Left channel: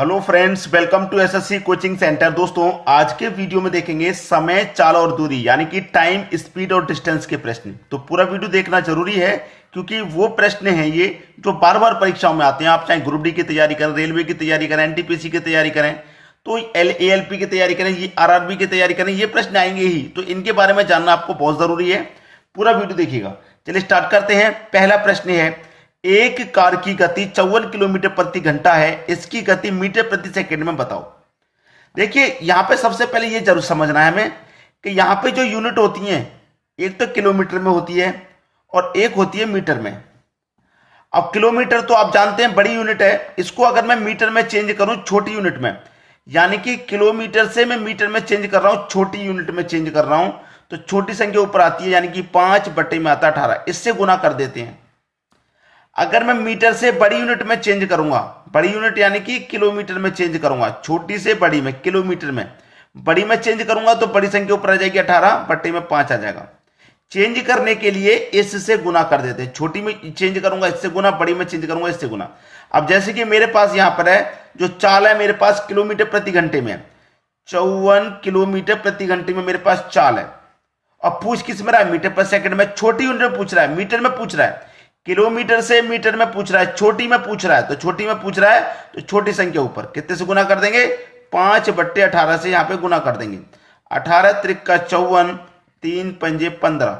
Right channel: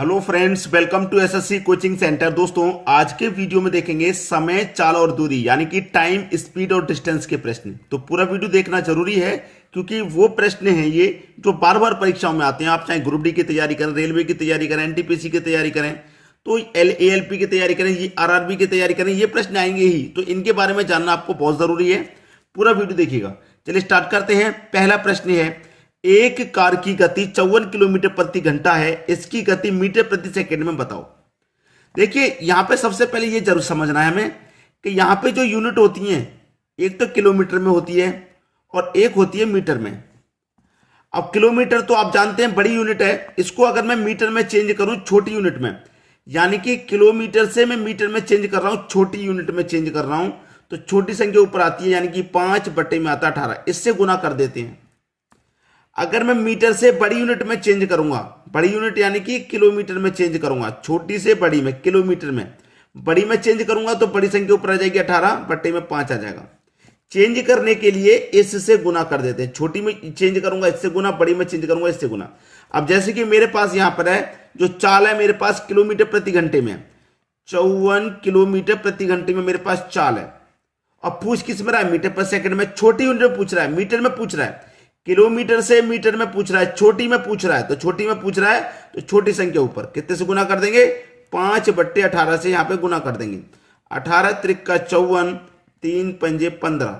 Hello friends, welcome to SSC coaching centre. दोस्तों, आज के वीडियो में देखेंगे समय, चाल और दूरी यानी कि टाइम, स्पीड और डिस्टेंस के प्रश्न। तो पूरा वीडियो देखना जरूरी है क्योंकि वो प्रश्न हैं ये जो बार बार परीक्षाओं में आते हैं। आप चाहे ग्रुप डी की तैयारी करें, रेलवे की तैयारी करें, एनटीपीसी की तैयारी करें, तो एएलपी की तैयारी करें, ये आरआरबी की तैयारी करें, ये प्रश्न आएंगे ही। तो इनके बारे में जानना आपको बहुत जरूरी है। पूरा वीडियो देखिएगा। चलिए स्टार्ट करते हैं। पहला प्रश्न है, एक कार की गति 54 किलोमीटर प्रति घंटा है, इसकी गति मीटर प्रति सेकंड में बताओ। देखिए, यहां पे सबसे पहले ये जरूर समझना है हमें कि यहां पे जो यूनिट होती हैं, एक तो किलोमीटर में होती है और एक होती है मीटर में। अब किलोमीटर तो आप जानते हैं बड़ी यूनिट है, इसको अगर मैं मीटर में चेंज करूं छोटी यूनिट में, यानी कि किलोमीटर से मैं मीटर में चेंज कर रहा हूं, छोटी यूनिट में चेंज कर रहा हूं, तो छोटी संख्या ऊपर आती है, यानी कि 5 बटे में आता 18। इससे गुना कर देते हैं। अगर मैं मीटर से बड़ी यूनिट में चेंज करूंगा, बड़ी यूनिट यानी कि किलोमीटर में चेंज करूंगा, छोटी से बड़ी में किलोमीटर में, बड़ी में चेंज करूंगा तो बड़ी संख्या ऊपर आ जाएगी, 18 बटे में 5 आ जाएगा। चेंज करने के लिए इससे गुना कर देते हैं। छोटी में चेंज करूंगा इससे गुना, बड़ी में चेंज करूंगा इससे गुना। अब जैसे कि मेरे पास यहां पर है जो चाल है, मेरे पास किलोमीटर प्रति घंटे में 54 किलोमीटर प्रति घंटे में मेरे पास चाल है। अब पूछ किस में रहा है? मीटर पर सेकंड में। छोटी यूनिट में पूछ रहा है, मीटर में पूछ रहा है, किलोमीटर से मीटर में पूछ रहा है, छोटी में पूछ रहा है। तो छोटी में पूछ रहा है तो छोटी संख्या ऊपर कितने से गुना कर देंगे? 5 बट्टे 18 से यहां पे गुना कर देंगे। 18 त्रिक 54, 3 पंजे 15।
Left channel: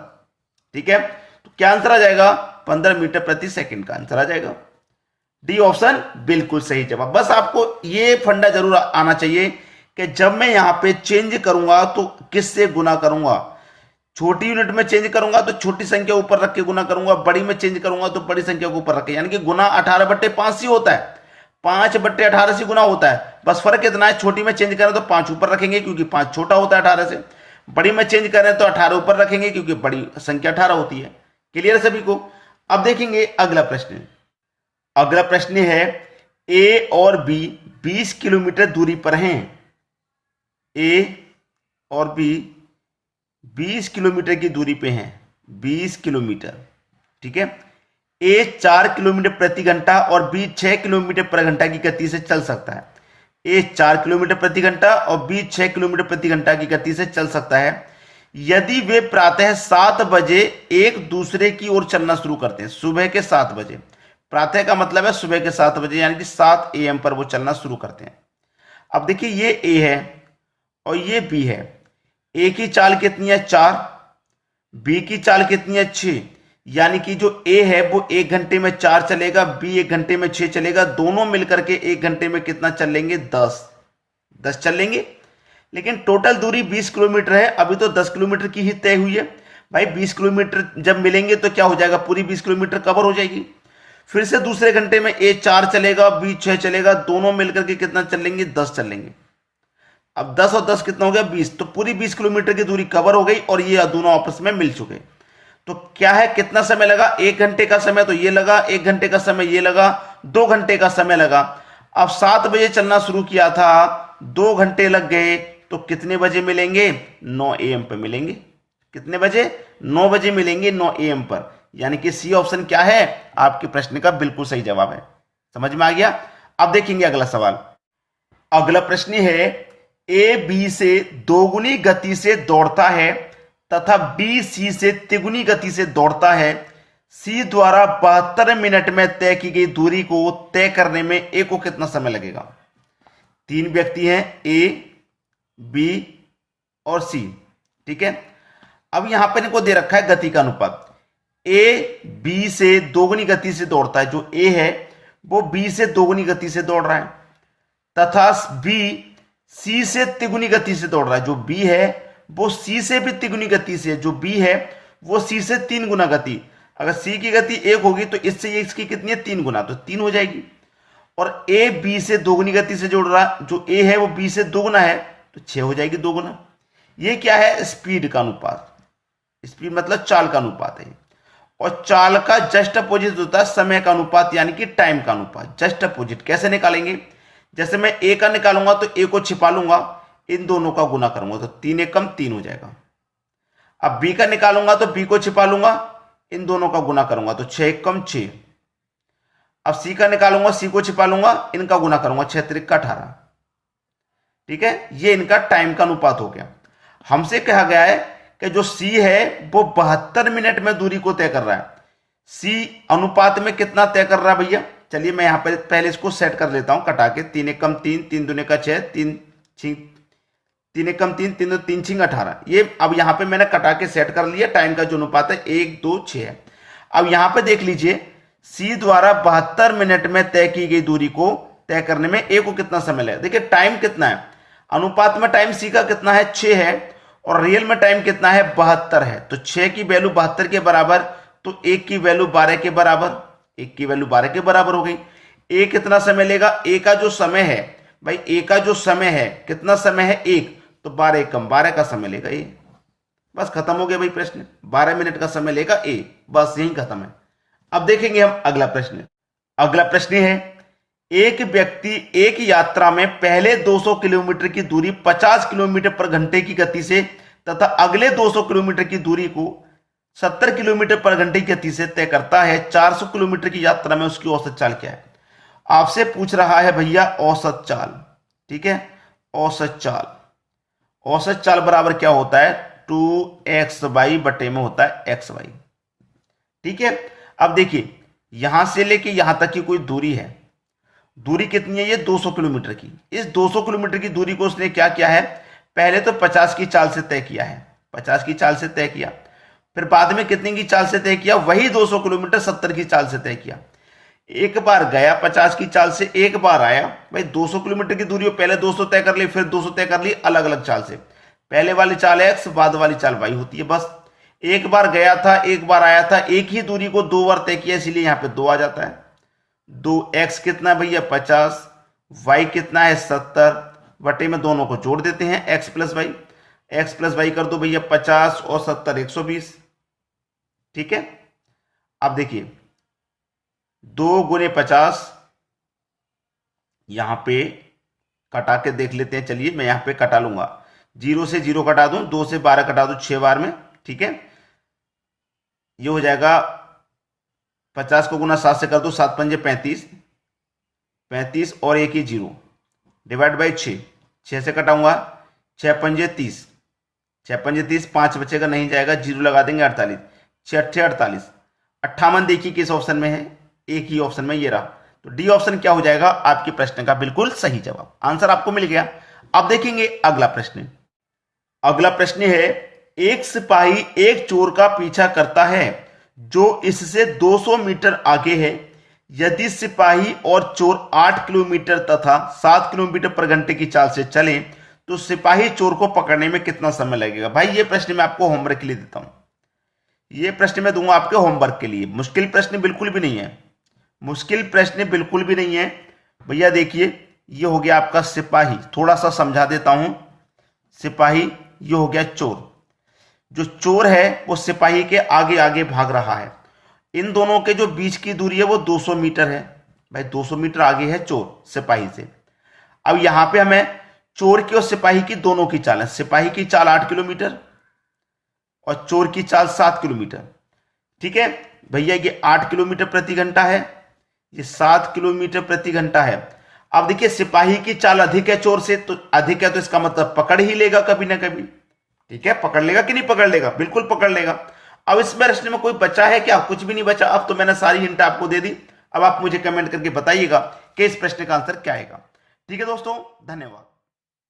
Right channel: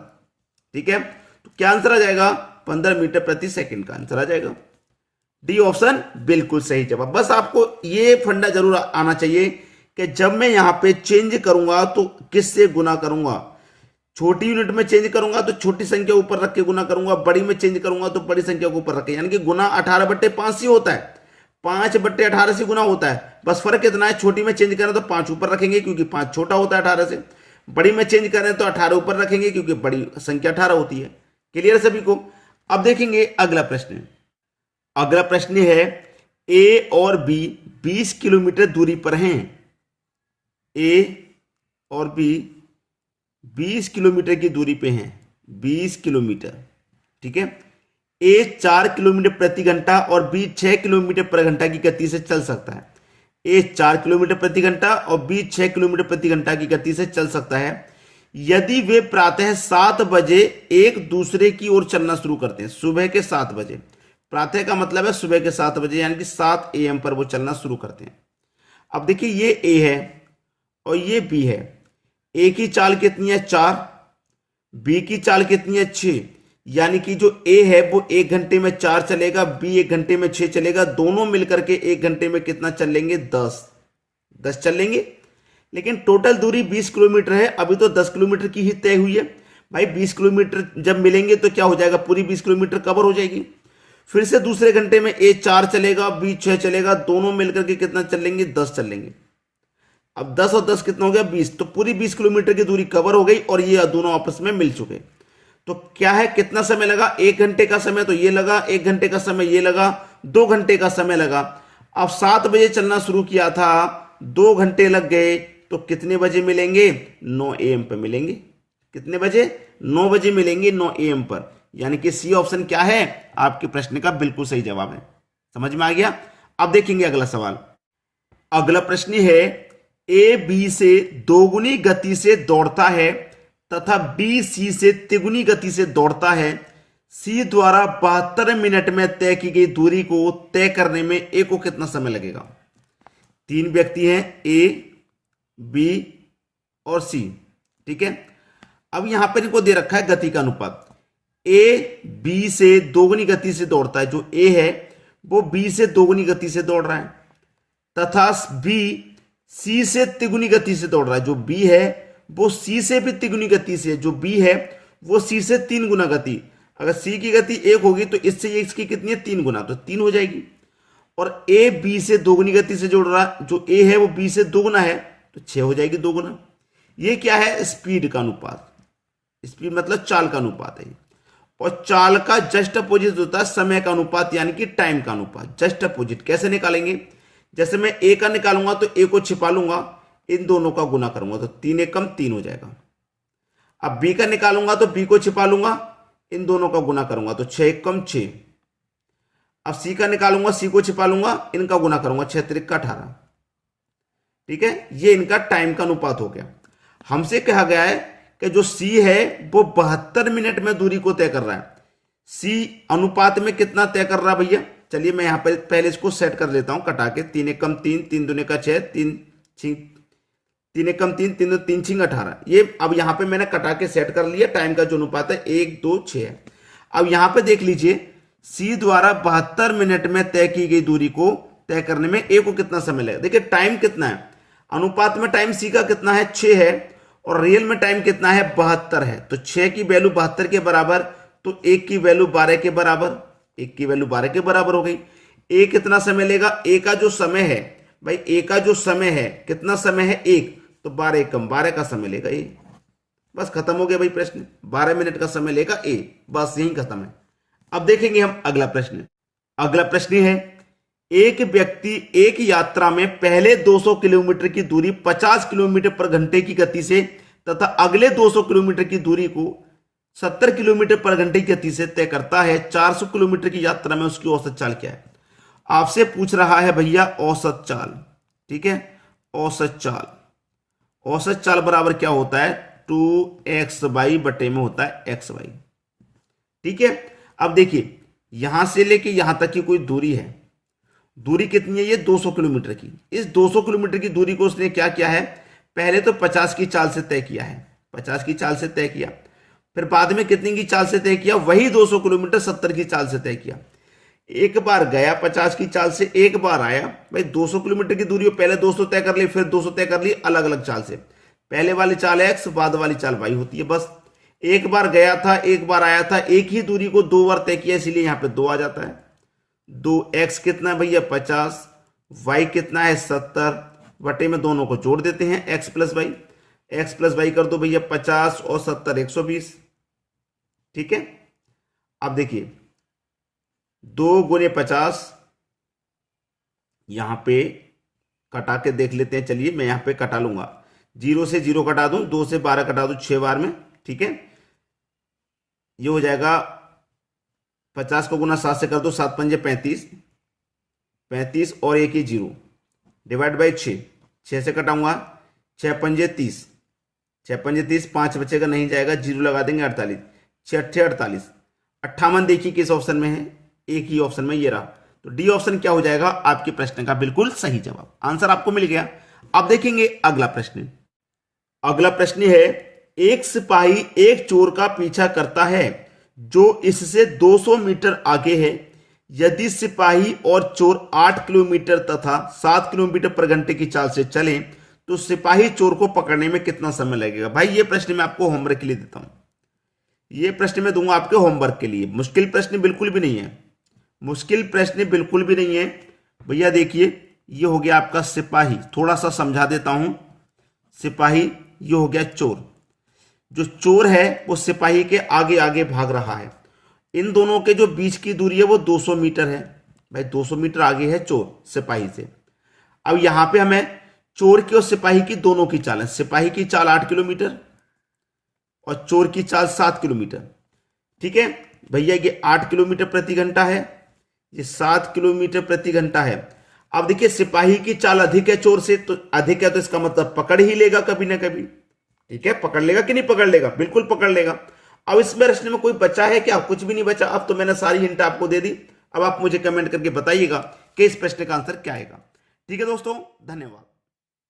ठीक है, तो क्या आंसर आ जाएगा? 15 मीटर प्रति सेकंड का आंसर आ जाएगा। डी ऑप्शन बिल्कुल सही जवाब। बस आपको ये फंडा जरूर आना चाहिए कि जब मैं यहां पे चेंज करूंगा तो किससे गुना करूंगा। छोटी यूनिट में चेंज करूंगा तो छोटी संख्या ऊपर रख के गुना करूंगा, बड़ी में चेंज करूंगा तो बड़ी संख्या को ऊपर रख के, यानी कि गुना 18 बट्टे 5 से होता है, 5 बट्टे 18 से गुना होता है। बस फर्क इतना है, छोटी में चेंज करें तो 5 ऊपर रखेंगे क्योंकि 5 छोटा होता है 18 से, बड़ी में चेंज करें तो 18 ऊपर रखेंगे क्योंकि बड़ी संख्या 18 होती है। क्लियर सभी को? अब देखेंगे अगला प्रश्न। अगला प्रश्न है, ए और बी 20 किलोमीटर दूरी पर हैं। ए और बी 20 किलोमीटर की दूरी पे हैं, 20 किलोमीटर। ठीक है, ए 4 किलोमीटर प्रति घंटा और बी 6 किलोमीटर प्रति घंटा की गति से चल सकता है। ए 4 किलोमीटर प्रति घंटा और बी 6 किलोमीटर प्रति घंटा की गति से चल सकता है यदि वे प्रातः 7 बजे एक दूसरे की ओर चलना शुरू करते हैं। सुबह के 7 बजे, प्रातः का मतलब है सुबह के 7 बजे, यानी कि 7 AM पर वो चलना शुरू करते हैं। अब देखिए, ये ए है और ये बी है। ए की चाल कितनी है? 4। बी की चाल कितनी है? 6। यानी कि जो ए है वो 1 घंटे में 4 चलेगा, बी 1 घंटे में 6 चलेगा। दोनों मिलकर के 1 घंटे में कितना चल लेंगे? 10 चल लेंगे। लेकिन टोटल दूरी 20 किलोमीटर है, अभी तो 10 किलोमीटर की ही तय हुई है। भाई 20 किलोमीटर जब मिलेंगे तो क्या हो जाएगा? पूरी 20 किलोमीटर कवर हो जाएगी। फिर से दूसरे घंटे में ए 4 चलेगा, बी 6 चलेगा, दोनों मिलकर के कितना चल लेंगे? 10 चल लेंगे। अब 10 और 10 कितना हो गया? 20। तो पूरी 20 किलोमीटर की दूरी कवर हो गई और ये दोनों आपस में मिल चुके। तो क्या है, कितना समय लगा? 1 घंटे का समय तो ये लगा, 1 घंटे का समय ये लगा, 2 घंटे का समय लगा। अब 7 बजे चलना शुरू किया था, 2 घंटे लग गए, तो कितने बजे मिलेंगे? 9 AM पर मिलेंगे। कितने बजे? 9 बजे मिलेंगे, 9 AM पर। यानी कि सी ऑप्शन क्या है? आपके प्रश्न का बिल्कुल सही जवाब है। समझ में आ गया? अब देखेंगे अगला सवाल। अगला प्रश्न है, ए बी से दोगुनी गति से दौड़ता है तथा बी सी से तिगुनी गति से दौड़ता है। सी द्वारा 72 मिनट में तय की गई दूरी को तय करने में ए को कितना समय लगेगा? 3 व्यक्ति हैं, ए, बी और सी। ठीक है, अब यहां पर इनको दे रखा है गति का अनुपात। ए बी से दोगुनी गति से दौड़ता है, जो ए है वो बी से दोगुनी गति से दौड़ रहा है, तथा बी सी से तिगुनी गति से दौड़ रहा है। जो बी है वो सी से भी तिगुनी गति से, जो बी है वो सी से 3 गुना गति। अगर सी की गति 1 होगी तो इससे इसकी कितनी है? 3 गुना, तो 3 हो जाएगी। और ए बी से दोगुनी गति से जोड़ रहा है, जो ए है वो बी से 2 गुना है, तो 6 हो जाएगी 2 गुना। ये क्या है? स्पीड का अनुपात। स्पीड मतलब चाल का अनुपात है। और चाल का जस्ट अपोजिट होता है समय का अनुपात, यानी कि टाइम का अनुपात। जस्ट अपोजिट कैसे निकालेंगे? जैसे मैं ए का निकालूंगा तो ए को छिपा लूंगा, इन दोनों का गुना करूंगा तो 3 एकम 3 हो जाएगा। अब बी का निकालूंगा तो बी को छिपा लूंगा, इन दोनों का गुना करूंगा तो 6 एकम 6। अब सी का निकालूंगा, सी को छिपा लूंगा, इनका गुना करूंगा, 6 त्रिक 18। ठीक है, ये इनका टाइम का अनुपात हो गया। हमसे कहा गया है कि जो सी है वो 72 मिनट में दूरी को तय कर रहा है। सी अनुपात में कितना तय कर रहा है भैया? चलिए मैं यहां पर पहले इसको सेट कर लेता हूं कटा के। 3 एकम 3, 3 दूने का 6, 3 एकम 3, 3 3 छिंग 18। ये अब यहां पे मैंने कटा के सेट कर लिया। टाइम का जो अनुपात है 1 2 6 है। अब यहां पे देख लीजिए, सी द्वारा 72 मिनट में तय की गई दूरी को तय करने में ए को कितना समय लगेगा। देखिए टाइम कितना है, अनुपात में टाइम सी का कितना है 6 है, और रियल में टाइम कितना है 72 है। तो 6 की वैल्यू 72 के बराबर, तो 1 की वैल्यू 12 के बराबर, 1 की वैल्यू 12 के बराबर हो गई। ए कितना समय लेगा? ए का जो समय है भाई, ए का जो समय है कितना समय है 1, तो 12 एकम 12 का समय लेगा ए। बस खत्म हो गया भाई प्रश्न। 12 मिनट का समय लेगा ए, बस यही खत्म है। अब देखेंगे हम अगला प्रश्न। अगला प्रश्न है, एक व्यक्ति एक यात्रा में पहले 200 किलोमीटर की दूरी 50 किलोमीटर पर घंटे की गति से तथा अगले 200 किलोमीटर की दूरी को 70 किलोमीटर पर घंटे की गति से तय करता है। 400 किलोमीटर की यात्रा में उसकी औसत चाल क्या है? आपसे पूछ रहा है भैया औसत चाल। ठीक है, औसत चाल, औसत चाल बराबर क्या होता है? 2xy बटे में होता है xy। ठीक है, अब देखिए यहां से लेके यहां तक की कोई दूरी है, दूरी कितनी है? ये 200 किलोमीटर की। इस 200 किलोमीटर की दूरी को उसने क्या किया है? पहले तो 50 की चाल से तय किया है, 50 की चाल से तय किया, फिर बाद में कितने की चाल से तय किया? वही 200 किलोमीटर 70 की चाल से तय किया। एक बार गया 50 की चाल से, एक बार आया। भाई 200 किलोमीटर की दूरी पहले 200 तय कर ली, फिर 200 तय कर ली अलग अलग चाल से। पहले वाली चाल एक्स, बाद वाली चाल वाई होती है। बस एक बार गया था, एक बार आया था, एक ही दूरी को 2 बार तय किया, इसीलिए यहां पे 2 आ जाता है। 2x कितना भैया 50, y कितना है 70, बटे में दोनों को जोड़ देते हैं x plus y. X plus y कर दो भैया 50 और 70 120। ठीक है, अब देखिए 2 गुने 50, यहां पे कटा के देख लेते हैं। चलिए मैं यहां पे कटा लूंगा, 0 से 0 कटा दूं, 2 से 12 कटा दूं 6 बार में। ठीक है, ये हो जाएगा 50 को गुना 7 से कर दो, 7 पंजे 35, 35 और 1 ही 0 डिवाइड बाई 6, 6 से कटाऊंगा 6 पंजे 30, 6 पंजे 30, 5 बचेगा नहीं जाएगा, 0 लगा देंगे 48, 6 अट्ठे 48, 58 देखिए किस ऑप्शन में है? एक ही ऑप्शन में, ये रहा। तो डी ऑप्शन क्या हो जाएगा? आपके प्रश्न का बिल्कुल सही जवाब। आंसर आपको मिल गया। अब देखेंगे अगला प्रश्न। अगला प्रश्न है, एक सिपाही एक चोर का पीछा करता है जो इससे 200 मीटर आगे है। यदि सिपाही और चोर 8 किलोमीटर तथा 7 किलोमीटर पर घंटे की चाल से चले तो सिपाही चोर को पकड़ने में कितना समय लगेगा? भाई ये प्रश्न मैं आपको होमवर्क के लिए देता हूं, ये प्रश्न मैं दूंगा आपके होमवर्क के लिए। मुश्किल प्रश्न बिल्कुल भी नहीं है, मुश्किल प्रश्न बिल्कुल भी नहीं है भैया। देखिए ये हो गया आपका सिपाही, थोड़ा सा समझा देता हूं। सिपाही, ये हो गया चोर। जो चोर है वो सिपाही के आगे आगे भाग रहा है। इन दोनों के जो बीच की दूरी है वो 200 मीटर है। भाई 200 मीटर आगे है चोर सिपाही से। अब यहां पे हमें चोर की और सिपाही की दोनों की चाल है। सिपाही की चाल 8 किलोमीटर और चोर की चाल 7 किलोमीटर। ठीक है भैया, ये 8 किलोमीटर प्रति घंटा है, ये 7 किलोमीटर प्रति घंटा है। अब देखिए सिपाही की चाल अधिक है चोर से, तो अधिक है तो इसका मतलब पकड़ ही लेगा कभी ना कभी। ठीक है, पकड़ लेगा कि नहीं पकड़ लेगा? बिल्कुल पकड़ लेगा। अब इस प्रश्न में कोई बचा है क्या? कुछ भी नहीं बचा। अब तो मैंने सारी हिंट आपको दे दी। अब आप मुझे कमेंट करके बताइएगा कि इस प्रश्न का आंसर क्या आएगा। ठीक है दोस्तों, धन्यवाद।